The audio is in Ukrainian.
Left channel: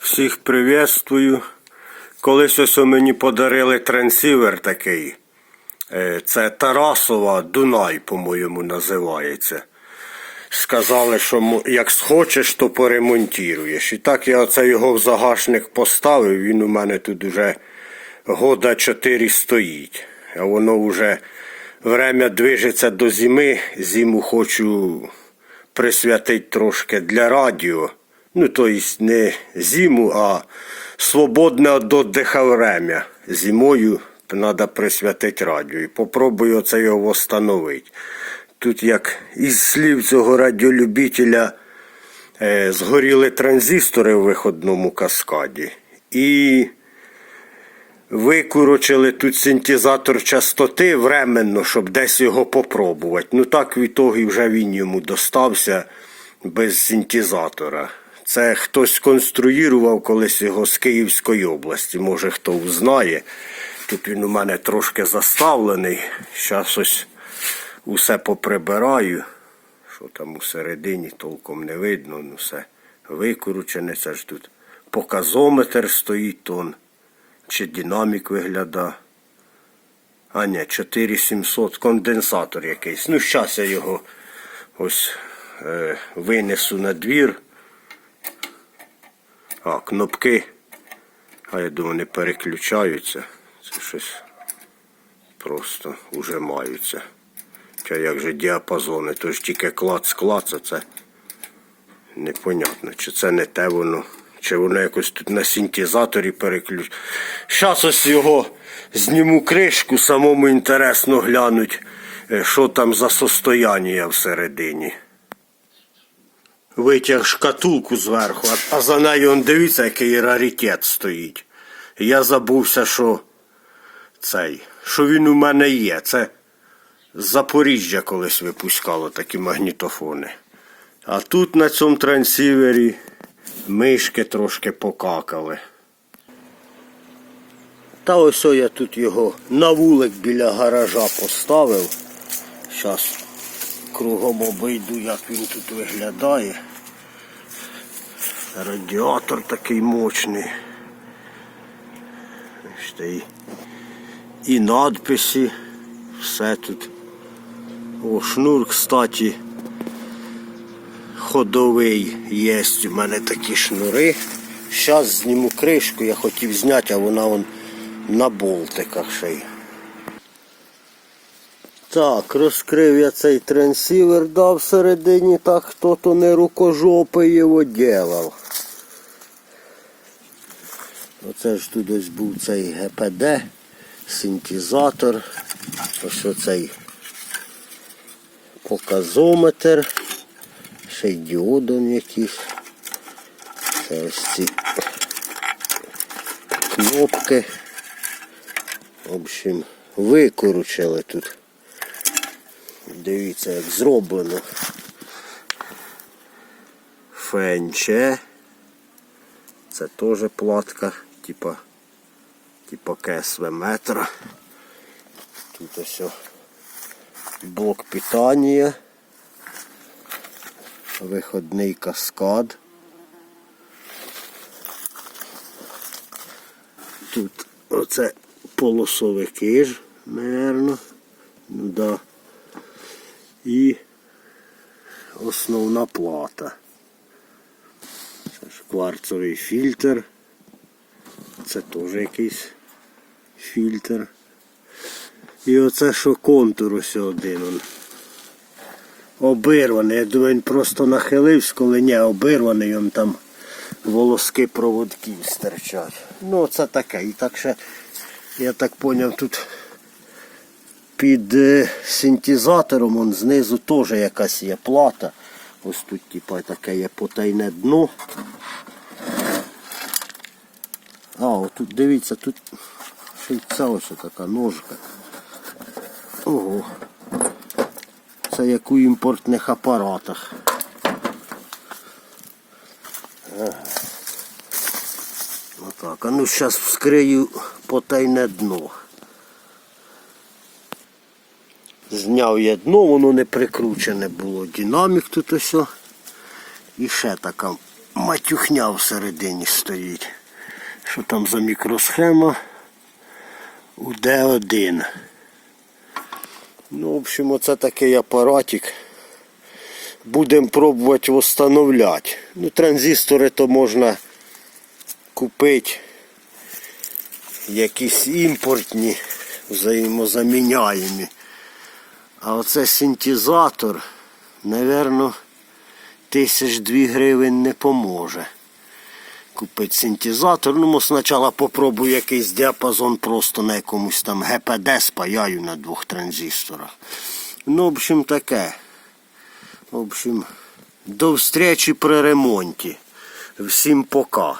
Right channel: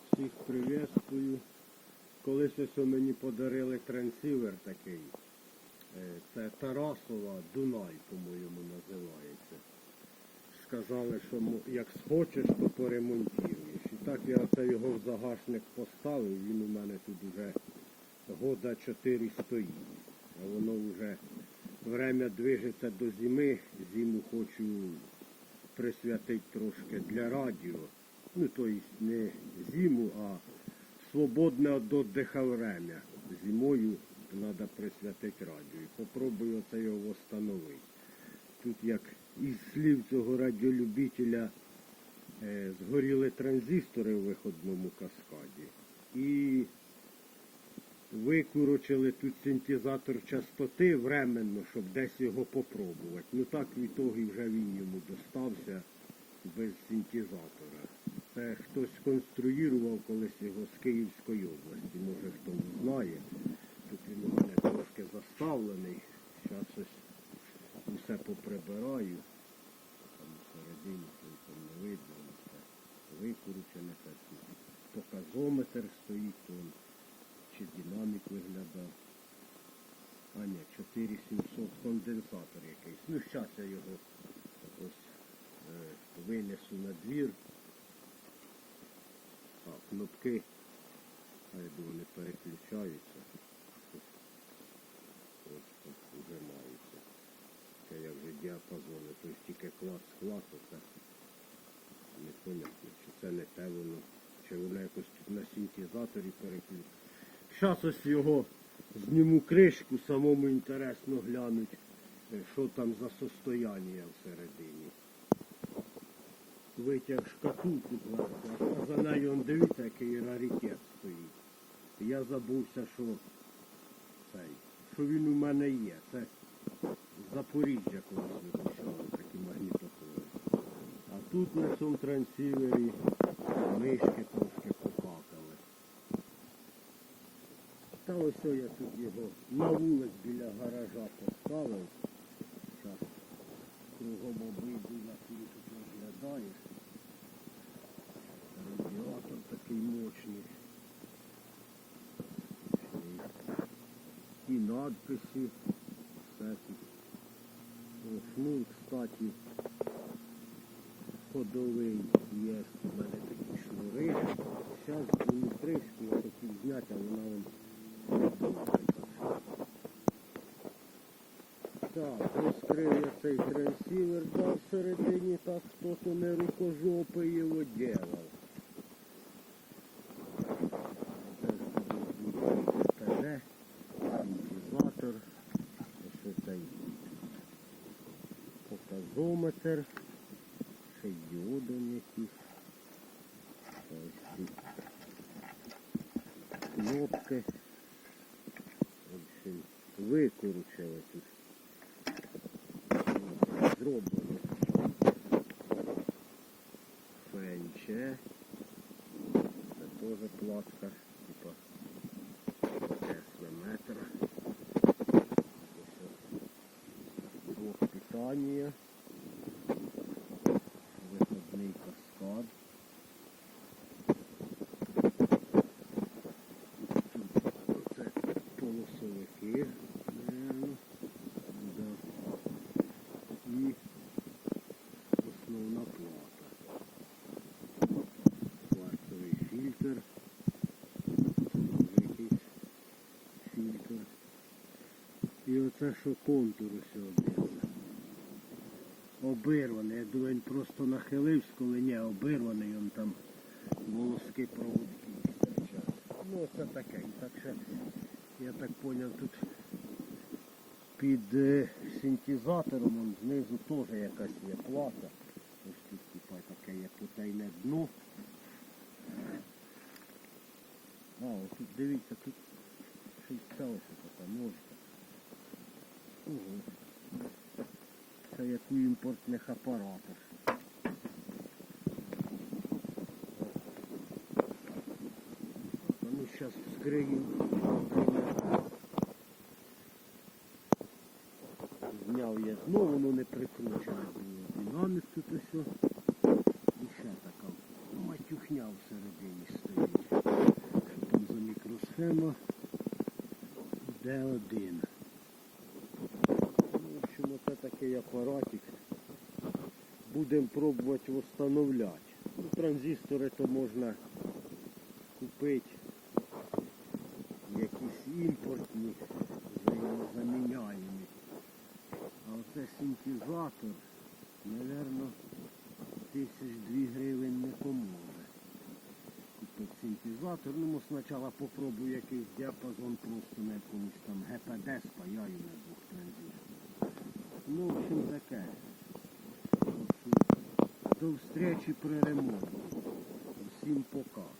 Всіх привітствую. Колись ось мені подарили трансівер такий. Це Тарасова Дунай, по-моєму, називається. Сказали, що як схочеш, то поремонтуєш. І так я оце його в загашник поставив, він у мене тут вже года 4 стоїть. А воно вже время движеться до зими. Зиму хочу присвятити трошки для радіо. Ну, тобто не зиму, а свободне від віддиху время. Зимою треба присвятити радіо. І попробую оце його встановити. Тут, як із слів цього радіолюбителя, згоріли транзистори в виходному каскаді. І викурочили тут синтезатор частоти временно, щоб десь його попробувати. Ну так в ітогі вже він йому достався без синтезатора. Це хтось конструював колись його з Київської області, може хто узнає. Тут він у мене трошки заставлений. Зараз ось усе поприбираю. Що там усередині толком не видно, ну все викручене. Це ж тут показометр стоїть тон. Чи динамік виглядає. А ні, 4700, конденсатор якийсь. Ну, зараз я його ось винесу на двір. А, кнопки. А я думаю, не переключаються. Це щось просто ужимаються. Чи як же діапазони, то ж тільки клац-клац, а це непонятно, чи це не те воно, чи воно якось тут на синтезаторі переключено. Зараз ось його зніму кришку, самому інтересно глянуть, що там за состояння всередині. Витяг шкатулку зверху, а за нею, он, дивіться, який раритет стоїть. Я забувся, що він у мене є. Це з Запоріжжя колись випускало такі магнітофони. А тут на цьому трансівері мишки трошки покакали. Та ось я тут його на вулик біля гаража поставив. Зараз кругом обійду, як він тут виглядає. Радіатор такий мощний. І надписи. Все тут. О, шнур, кстати, ходовий є. У мене такі шнури. Зараз зніму кришку, я хотів зняти, а вона вон на болтиках ще й. Так, розкрив я цей трансівер, да, всередині, так хто-то не рукожопий його делав. Оце ж тут ось був цей ГПД, синтезатор, ось оцей показометр, ще й діодом якийсь. Це ось ці кнопки. В общем, викручили тут. Дивіться, як зроблено. ФНЧ. Це теж платка, типа КСВ метра. Тут ось блок питання. Виходний каскад. Тут оце полосовики ж, мабуть. Ну да. І основна плата. Це ж кварцовий фільтр. Це теж якийсь фільтр. І оце що контур ось один. Обірваний. Я думаю, він просто нахилився, коли не обірваний, він там волоски проводків стирчать. Ну це таке. І так ще, я так зрозумів, тут під синтезатором он знизу теж якась є плата. Ось тут типа таке є потайне дно. А, отут дивіться, тут ще й ця ось така ножка. Ого. Це як у імпортних апаратах. Отак, а ну зараз вскрию потайне дно. Зняв я дно, воно не прикручене було. Динамік тут ось. І ще така матюхня всередині стоїть. Що там за мікросхема? УД1. Ну, в общем, оце такий апаратик. Будемо пробувати встановляти. Ну, транзистори то можна купити. Якісь імпортні, взаємозаміняємі. А оце синтезатор, напевно, 1002 гривень не поможе. Купити синтезатор. Ну, ми спочатку попробую якийсь діапазон просто на якомусь там ГПД спаяю на 2 транзисторах. Ну, в общем, таке. В общем, до встречі при ремонті. Всім пока.